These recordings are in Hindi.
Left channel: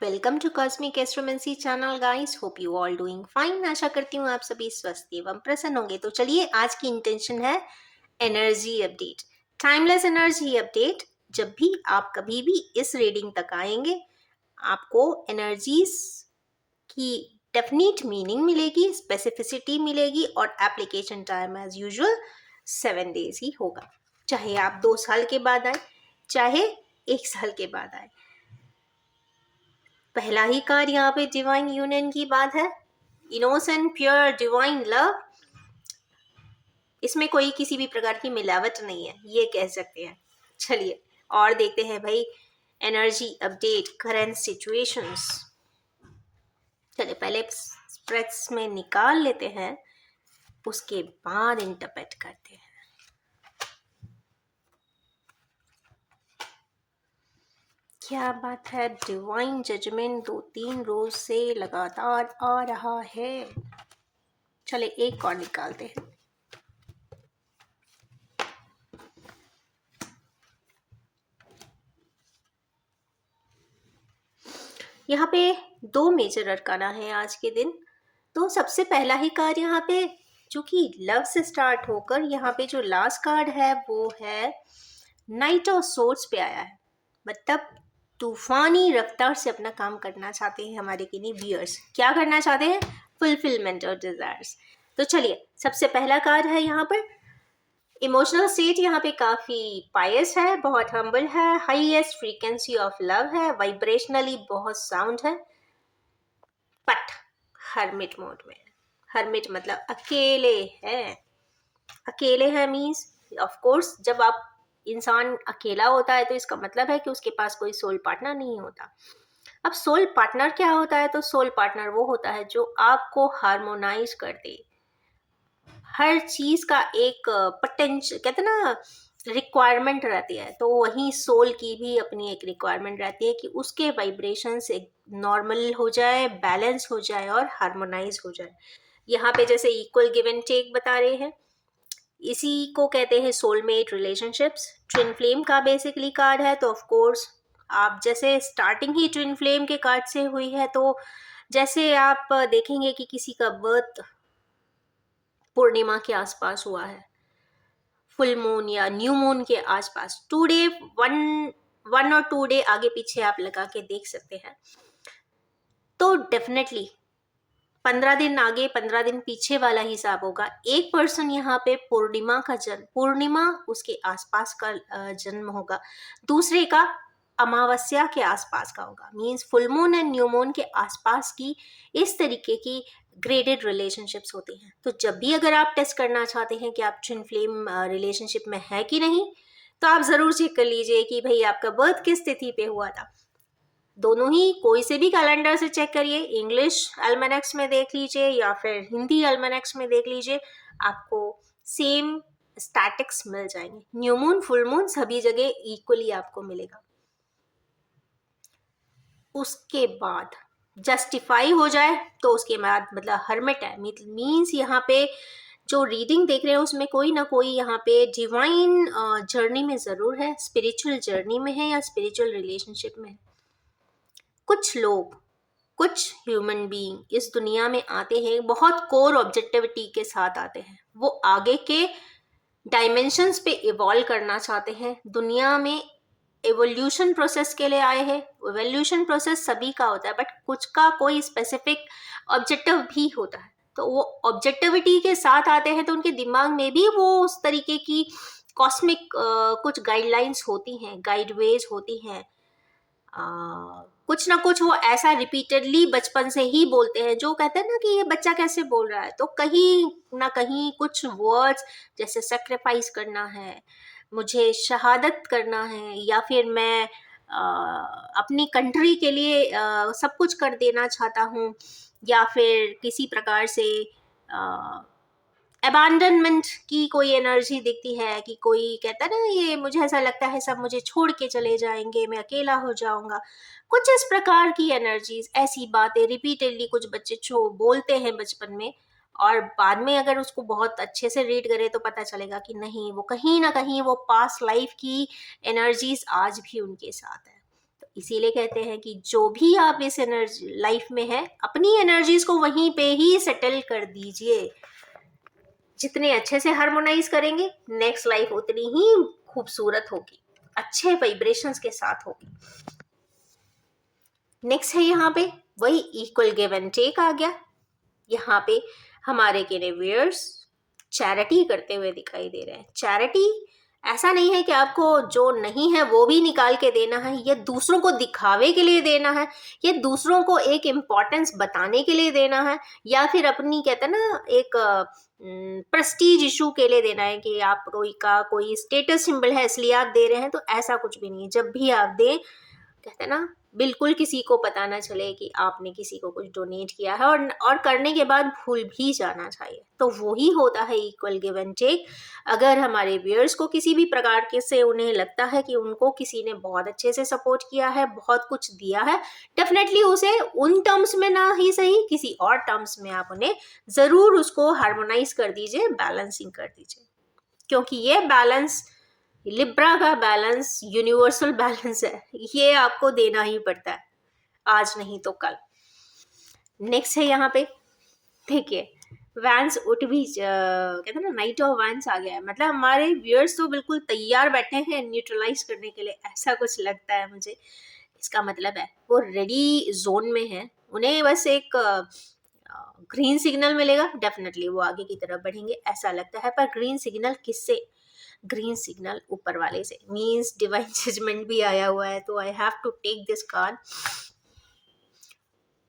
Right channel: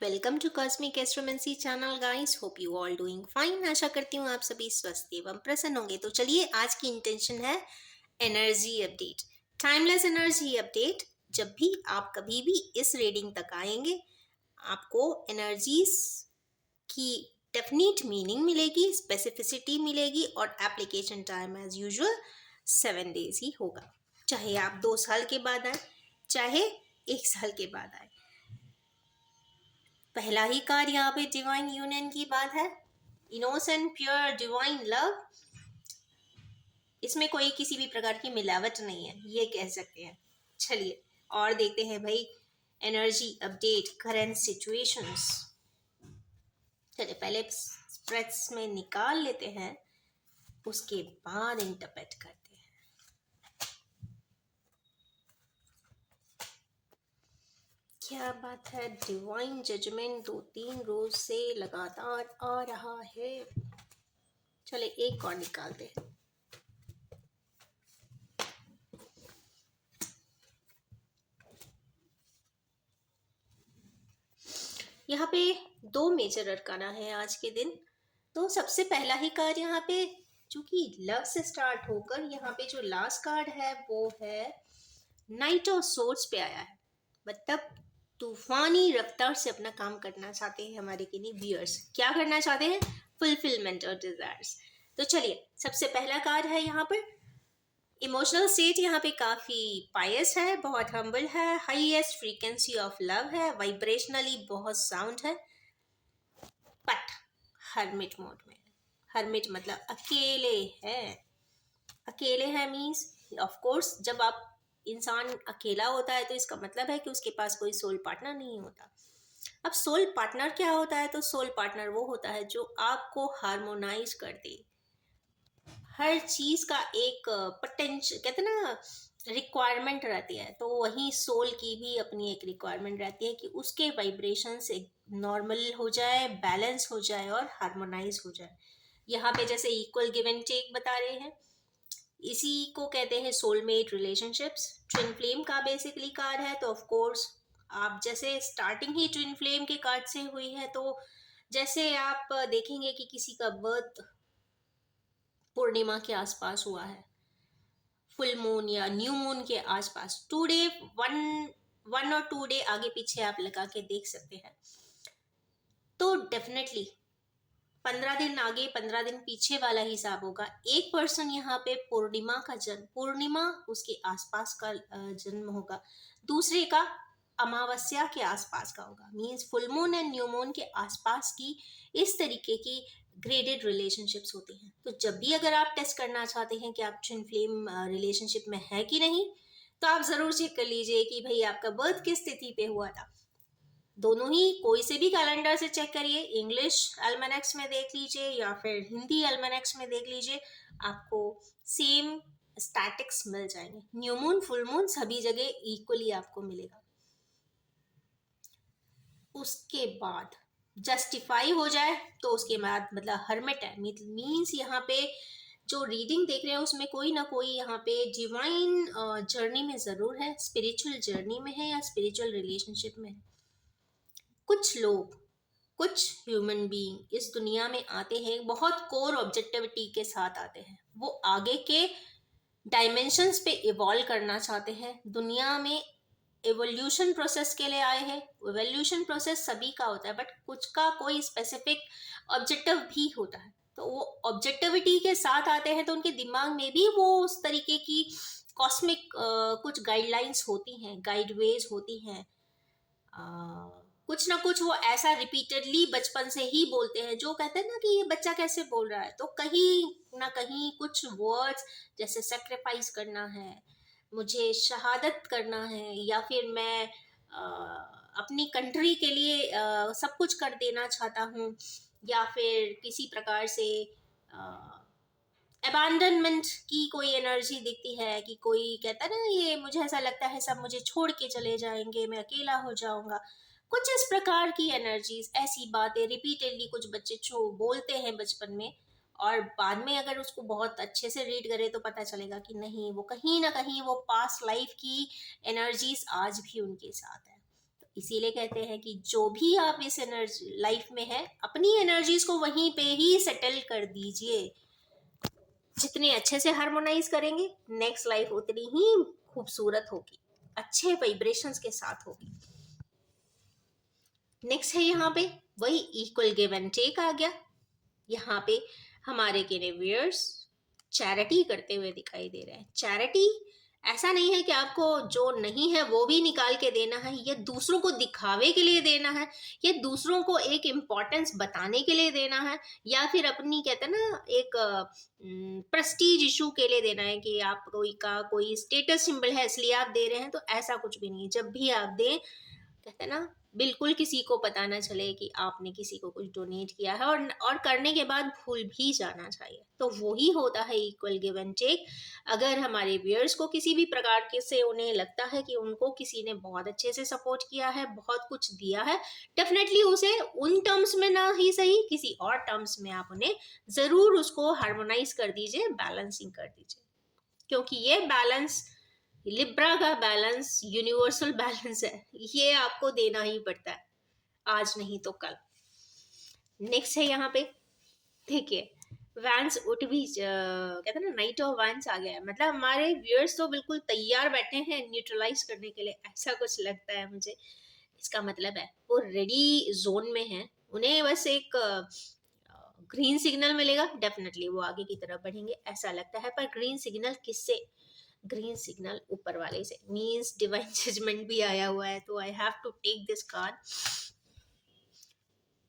Welcome to cosmic astromancy channel guys. Hope you all doing fine. आशा करती हूँ आप सभी स्वस्थ एवं प्रसन्न होंगे। तो चलिए, आज की इंटेंशन है energy update, timeless energy update. जब भी आप कभी भी इस रीडिंग तक आएंगे, आपको एनर्जीज की डेफिनेट मीनिंग मिलेगी, स्पेसिफिसिटी मिलेगी और application time as usual 7 days ही होगा। चाहे आप 2 साल के बाद आए, चाहे 1 साल के बाद आए। पहला ही कार्ड यहाँ पे डिवाइन यूनियन की बात है। Innocent pure divine love. इसमें कोई किसी भी प्रकार की मिलावट नहीं है, ये कह सकते हैं। चलिए और देखते हैं भाई एनर्जी अपडेट, करंट सिचुएशंस। चलिए पहले स्प्रेड्स में निकाल लेते हैं, उसके बाद इंटरप्रेट करते हैं। क्या बात है, डिवाइन जजमेंट 2-3 रोज से लगातार आ रहा है। चले एक और निकालते हैं। यहाँ पे 2 मेजर अरकाना है आज के दिन। तो सबसे पहला ही कार्ड यहाँ पे जो कि लव से स्टार्ट होकर यहाँ पे जो लास्ट कार्ड है वो है नाइट ऑफ सोर्ड्स पे आया है। मतलब तूफानी रफ्तार से अपना काम करना चाहते हैं हमारे किन्हीं व्यूअर्स। क्या करना चाहते हैं? Fulfilment of desires. तो चलिए, सबसे पहला कार्ड है यहाँ पर इमोशनल स्टेट। यहाँ पे काफी पायस है, बहुत हम्बल है, हाईएस्ट फ्रीक्वेंसी ऑफ लव है, वाइब्रेशनली बहुत साउंड है, बट हर्मिट मोड में। हर्मिट मतलब अकेले हैं। अकेले हैं मीन्स ऑफ कोर्स जब आप इंसान अकेला होता है तो इसका मतलब है कि उसके पास कोई सोल पार्टनर नहीं होता। अब सोल पार्टनर क्या होता है? तो सोल पार्टनर वो होता है जो आपको हार्मोनाइज कर दे। हर चीज का एक पोटेंशियल, कहते हैं ना, रिक्वायरमेंट रहती है। तो वहीं सोल की भी अपनी एक रिक्वायरमेंट रहती है कि उसके वाइब्रेशंस एक नॉर्मल हो जाए, बैलेंस हो जाए और हार्मोनाइज हो जाए। यहाँ पे जैसे इक्वल गिव एंड टेक बता रहे हैं, इसी को कहते हैं सोलमेट रिलेशनशिप्स। ट्विन फ्लेम का बेसिकली कार्ड है, तो ऑफ कोर्स आप जैसे स्टार्टिंग ही ट्विन फ्लेम के कार्ड से हुई है, तो जैसे आप देखेंगे कि किसी का बर्थ पूर्णिमा के आसपास हुआ है, फुल मून या न्यू मून के आसपास, 2 डे, वन और 2 डे आगे पीछे आप लगा के देख सकते हैं। तो डेफिनेटली 15 दिन आगे 15 दिन पीछे वाला हिसाब होगा। एक पर्सन यहाँ पे पूर्णिमा का जन्म, पूर्णिमा उसके आसपास का जन्म होगा। दूसरे का अमावस्या के आसपास का होगा, means full moon and new moon के आसपास की इस तरीके की ग्रेडेड रिलेशनशिप्स होती हैं। तो जब भी अगर आप टेस्ट करना चाहते हैं कि आप ट्विन फ्लेम रिलेशनशिप में है कि नहीं, तो आप जरूर चेक कर लीजिए कि भाई आपका बर्थ किस तिथि पे हुआ था। दोनों ही कोई से भी कैलेंडर से चेक करिए, इंग्लिश अल्मेनेक्स में देख लीजिए या फिर हिंदी अल्मेनेक्स में देख लीजिए, आपको सेम स्टैटिक्स मिल जाएंगे। न्यू मून फुल मून सभी जगह इक्वली आपको मिलेगा। उसके बाद जस्टिफाई हो जाए तो उसके बाद मतलब हर्मिट है, मीन्स यहाँ पे जो रीडिंग देख रहे हैं उसमें कोई ना कोई यहाँ पे डिवाइन जर्नी में जरूर है, स्पिरिचुअल जर्नी में है या स्पिरिचुअल रिलेशनशिप में है। कुछ लोग, कुछ ह्यूमन बीइंग इस दुनिया में आते हैं, बहुत कोर ऑब्जेक्टिविटी के साथ आते हैं। वो आगे के डायमेंशंस पे इवॉल्व करना चाहते हैं, दुनिया में एवोल्यूशन प्रोसेस के लिए आए हैं। एवोल्यूशन प्रोसेस सभी का होता है, बट कुछ का कोई स्पेसिफिक ऑब्जेक्टिव भी होता है। तो वो ऑब्जेक्टिविटी के साथ आते हैं, तो उनके दिमाग में भी वो उस तरीके की कॉस्मिक कुछ गाइडलाइंस होती हैं, गाइडवेज होती हैं। कुछ ना कुछ वो ऐसा रिपीटेडली बचपन से ही बोलते हैं, जो कहते हैं ना कि ये बच्चा कैसे बोल रहा है। तो कहीं ना कहीं कुछ वर्ड्स जैसे सेक्रीफाइस करना है, मुझे शहादत करना है, या फिर मैं अपनी कंट्री के लिए सब कुछ कर देना चाहता हूँ, या फिर किसी प्रकार से अबैंडनमेंट की कोई एनर्जी दिखती है कि कोई कहता है ना, ये मुझे ऐसा लगता है सब मुझे छोड़ के चले जाएंगे, मैं अकेला हो जाऊंगा। कुछ इस प्रकार की एनर्जीज, ऐसी बातें रिपीटेडली कुछ बच्चे छो बोलते हैं बचपन में, और बाद में अगर उसको बहुत अच्छे से रीड करें तो पता चलेगा कि नहीं, वो कहीं ना कहीं वो पास्ट लाइफ की एनर्जीज आज भी उनके साथ है। तो इसीलिए कहते हैं कि जो भी आप इस एनर्जी लाइफ में है, अपनी एनर्जीज को वहीं पे ही सेटल कर दीजिए। जितने अच्छे से हार्मोनाइज करेंगे, नेक्स्ट लाइफ उतनी ही खूबसूरत होगी, अच्छे वाइब्रेशंस के साथ होगी। नेक्स्ट है यहाँ पे वही इक्वल गिव एंड टेक आ गया। यहाँ पे हमारे केनेवियर्स चैरिटी करते हुए दिखाई दे रहे हैं। चैरिटी ऐसा नहीं है कि आपको जो नहीं है वो भी निकाल के देना है, या दूसरों को दिखावे के लिए देना है, या दूसरों को एक इम्पोर्टेंस बताने के लिए देना है, या फिर अपनी कहते हैं ना एक प्रेस्टीज इशू के लिए देना है कि आप कोई स्टेटस सिंबल है इसलिए आप दे रहे हैं। तो ऐसा कुछ भी नहीं है। जब भी आप दें, कहते हैं ना, बिल्कुल किसी को पता ना चले कि आपने किसी को कुछ डोनेट किया है, और करने के बाद भूल भी जाना चाहिए। तो वही होता है इक्वल गिव एंड टेक। अगर हमारे व्यूअर्स को किसी भी प्रकार के से उन्हें लगता है कि उनको किसी ने बहुत अच्छे से सपोर्ट किया है, बहुत कुछ दिया है, डेफिनेटली उसे उन टर्म्स में ना ही सही किसी और टर्म्स में आप उन्हें ज़रूर उसको हार्मोनाइज कर दीजिए, बैलेंसिंग कर दीजिए। क्योंकि ये बैलेंस, लिब्रा का बैलेंस यूनिवर्सल बैलेंस है, ये आपको देना ही पड़ता है, आज नहीं तो कल। नेक्स्ट है यहाँ पे, देखिए, वैंस उठ भी कहते हैं ना, नाइट ऑफ वैंस आ गया है। मतलब हमारे व्यूअर्स तो बिल्कुल तैयार बैठे हैं न्यूट्रलाइज करने के लिए, ऐसा कुछ लगता है मुझे। इसका मतलब है वो रेडी जोन में है, उन्हें बस एक ग्रीन सिग्नल मिलेगा, डेफिनेटली वो आगे की तरफ बढ़ेंगे, ऐसा लगता है। पर ग्रीन सिग्नल किससे? ग्रीन सिग्नल ऊपर वाले से, मीन्स डिवाइन जजमेंट भी आया हुआ है। तो I have to take this card.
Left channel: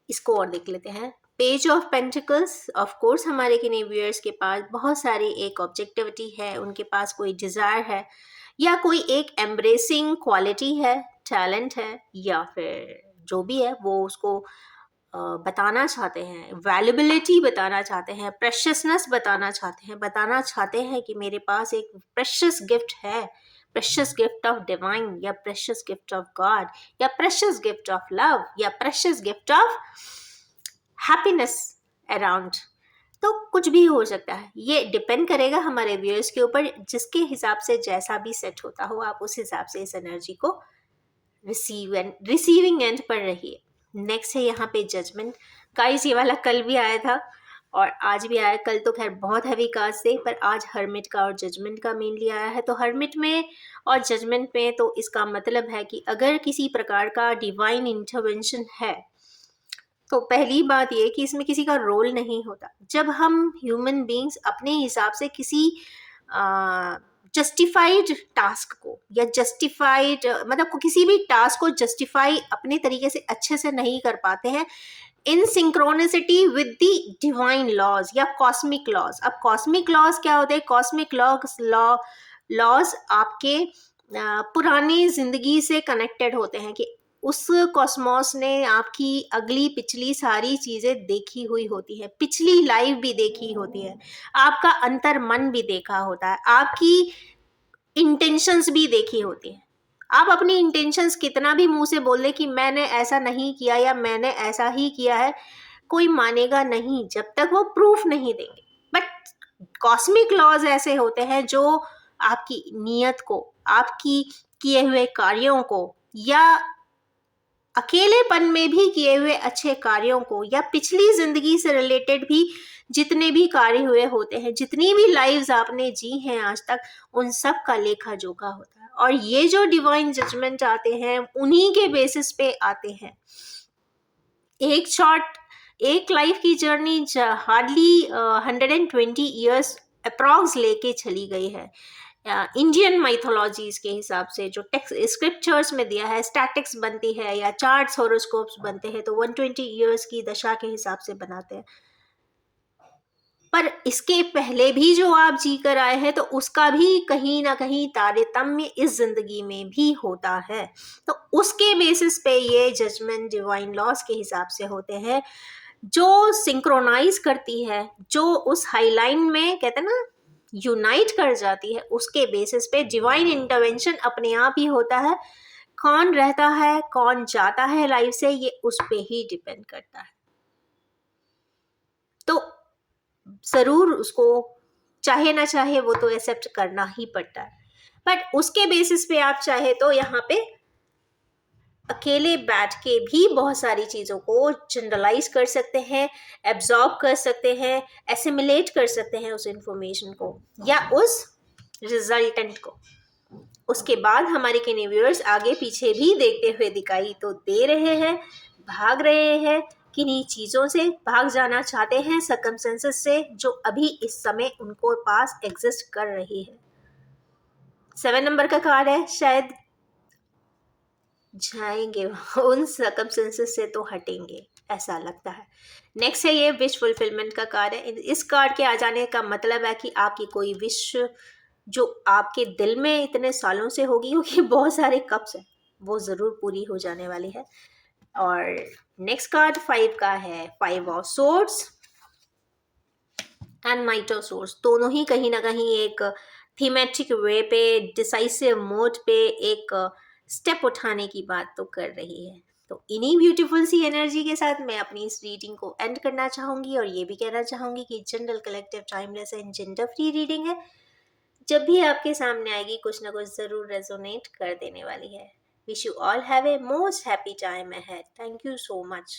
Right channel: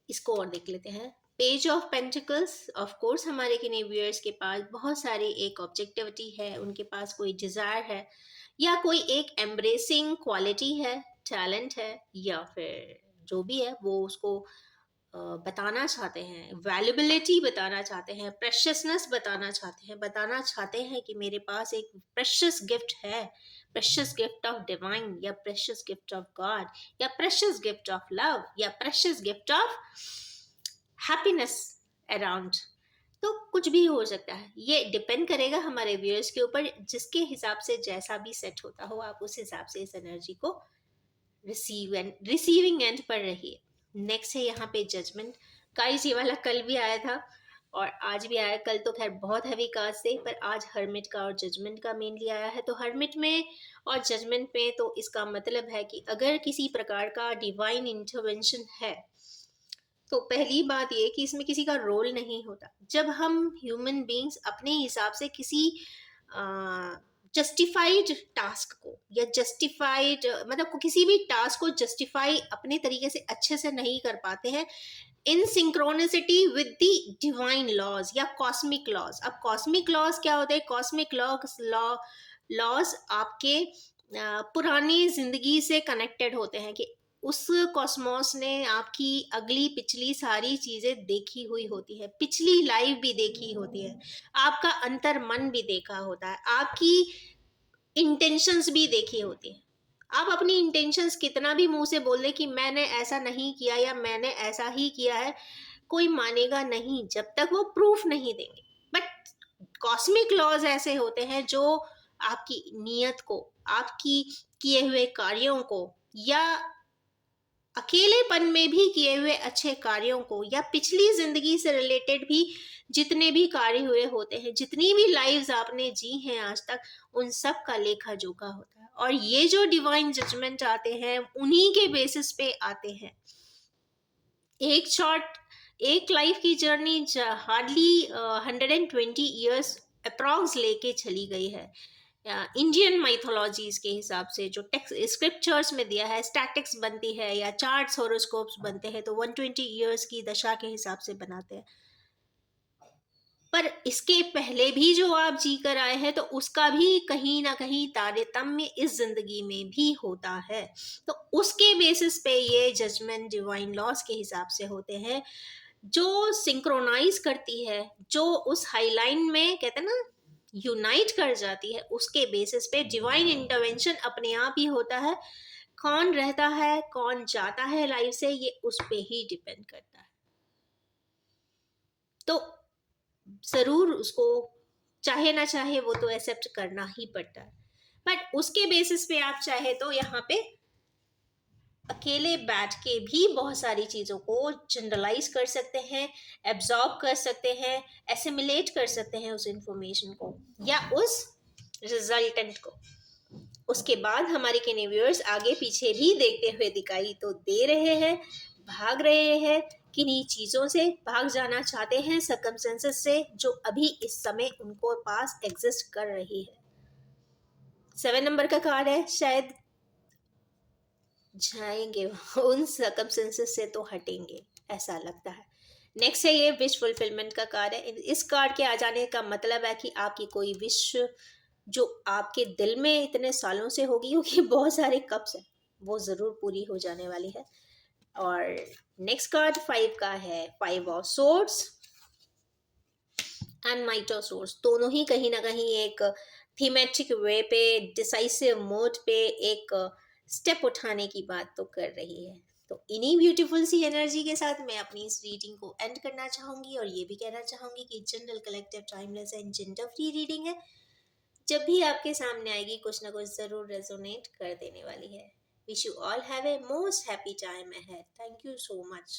इसको और देख लेते हैं। Page of pentacles, of course हमारे व्यूअर्स के पास बहुत सारी एक ऑब्जेक्टिविटी है, उनके पास कोई डिज़ायर है, या कोई एक एम्ब्रेसिंग क्वालिटी है, टैलेंट है, या फिर जो भी है वो उसको बताना चाहते हैं, वैल्यूबिलिटी बताना चाहते हैं, प्रेशियसनेस बताना चाहते हैं कि मेरे पास एक प्रेशियस गिफ्ट है, प्रेशियस गिफ्ट ऑफ डिवाइन, या प्रेशियस गिफ्ट ऑफ गॉड, या प्रेशियस गिफ्ट ऑफ लव, या precious gift of happiness around. तो कुछ भी हो सकता है, ये डिपेंड करेगा हमारे व्यूअर्स के ऊपर। जिसके हिसाब से जैसा भी सेट होता हो, आप उस हिसाब से इस एनर्जी को रिसीविंग एंड पर रहिए। नेक्स्ट है यहाँ पे जजमेंट। गाइस, ये वाला कल भी आया था और आज भी आया। कल तो खैर बहुत हैवी कार्ड्स थे, पर आज हर्मिट का और जजमेंट का मेनली आया है। तो हर्मिट में और जजमेंट में तो इसका मतलब है कि अगर किसी प्रकार का डिवाइन इंटरवेंशन है, तो पहली बात ये कि इसमें किसी का रोल नहीं होता। जब हम ह्यूमन बीइंग्स अपने हिसाब से किसी जस्टिफाइड टास्क को, या जस्टिफाइड मतलब किसी भी टास्क को जस्टिफाई अपने तरीके से अच्छे से नहीं कर पाते हैं, in synchronicity with the divine laws या कॉस्मिक लॉज। अब कॉस्मिक लॉज क्या होते हैं? कॉस्मिक लॉज आपके पुरानी जिंदगी से कनेक्टेड होते हैं, कि उस कॉस्मोस ने आपकी अगली पिछली सारी चीजें देखी हुई होती है, पिछली लाइफ भी देखी होती है, आपका अंतर मन भी देखा होता है, आपकी इंटेंशंस भी देखी होती है। आप अपनी इंटेंशंस कितना भी मुंह से बोल ले कि मैंने ऐसा नहीं किया या मैंने ऐसा ही किया है, कोई मानेगा नहीं जब तक वो प्रूफ नहीं देंगे। बट कॉस्मिक लॉज ऐसे होते हैं जो आपकी नीयत को, आपकी किए हुए कार्यों को, या अकेलेपन में भी किए हुए अच्छे कार्यों को, या पिछली जिंदगी से रिलेटेड भी जितने भी कार्य हुए होते हैं, जितनी भी लाइव्स आपने जी हैं आज तक, उन सब का लेखा जोखा होता है। और ये जो डिवाइन जजमेंट आते हैं, उन्हीं के बेसिस पे आते हैं। एक लाइफ की जर्नी हार्डली 120 ईयर्स अप्रॉक्स लेके चली गई है। इंडियन माइथोलॉजीज के हिसाब से जो टेक्स्ट स्क्रिप्चर्स में दिया है, स्टैटिक्स बनती है या चार्ट्स होरोस्कोप्स बनते हैं, तो 120 ईयर्स की दशा के हिसाब से बनाते हैं। पर इसके पहले भी जो आप जी कर आए हैं, तो उसका भी कहीं ना कहीं तारतम्य इस जिंदगी में भी होता है। तो उसके बेसिस पे ये जजमेंट डिवाइन लॉस के हिसाब से होते हैं, जो सिंक्रोनाइज करती है, जो उस हाईलाइन में कहते हैं ना यूनाइट कर जाती है, उसके बेसिस पे डिवाइन इंटरवेंशन अपने आप ही होता है। कौन रहता है, कौन जाता है लाइफ से, ये उस पे ही डिपेंड करता है। तो जरूर उसको चाहे ना चाहे वो तो एक्सेप्ट करना ही पड़ता है। बट उसके बेसिस पे आप चाहे तो यहाँ पे अकेले बैठ के भी बहुत सारी चीज़ों को जनरलाइज कर सकते हैं, एब्जॉर्ब कर सकते हैं, एसिमिलेट कर सकते हैं उस इंफॉर्मेशन को या उस रिजल्टेंट को। उसके बाद हमारे किन्हीं व्यूअर्स आगे पीछे भी देखते हुए दिखाई तो दे रहे हैं, भाग रहे हैं, किन्हीं चीज़ों से भाग जाना चाहते हैं, सर्कमस्टेंसेस से जो अभी इस समय उनको पास एग्जिस्ट कर रही है। 7 नंबर का कार्ड है, शायद जाएंगे उन सर्कमस्टेंसेस से तो हटेंगे, ऐसा लगता है। नेक्स्ट है ये विश फुलफिलमेंट का कार्ड है। इस कार्ड के आ जाने का मतलब है कि आपकी कोई विश जो आपके दिल में इतने सालों से होगी होगी बहुत सारे कप्स हैं, वो ज़रूर पूरी हो जाने वाली है। और नेक्स्ट कार्ड 5 का है, 5 of swords and night of source. दोनों ही कहीं ना कहीं एक थीमेटिक वे पे, डिसाइसिव मोड पे एक स्टेप उठाने की बात तो कर रही है। तो इन्हीं ब्यूटीफुल सी एनर्जी के साथ मैं अपनी इस रीडिंग को एंड करना चाहूँगी और ये भी कहना चाहूँगी कि general collective timeless and gender free reading है। जब भी आपके सामने आएगी कुछ ना कुछ ज़रूर रेजोनेट कर देने वाली है। Wish you all have a most happy time ahead. Thank you so much.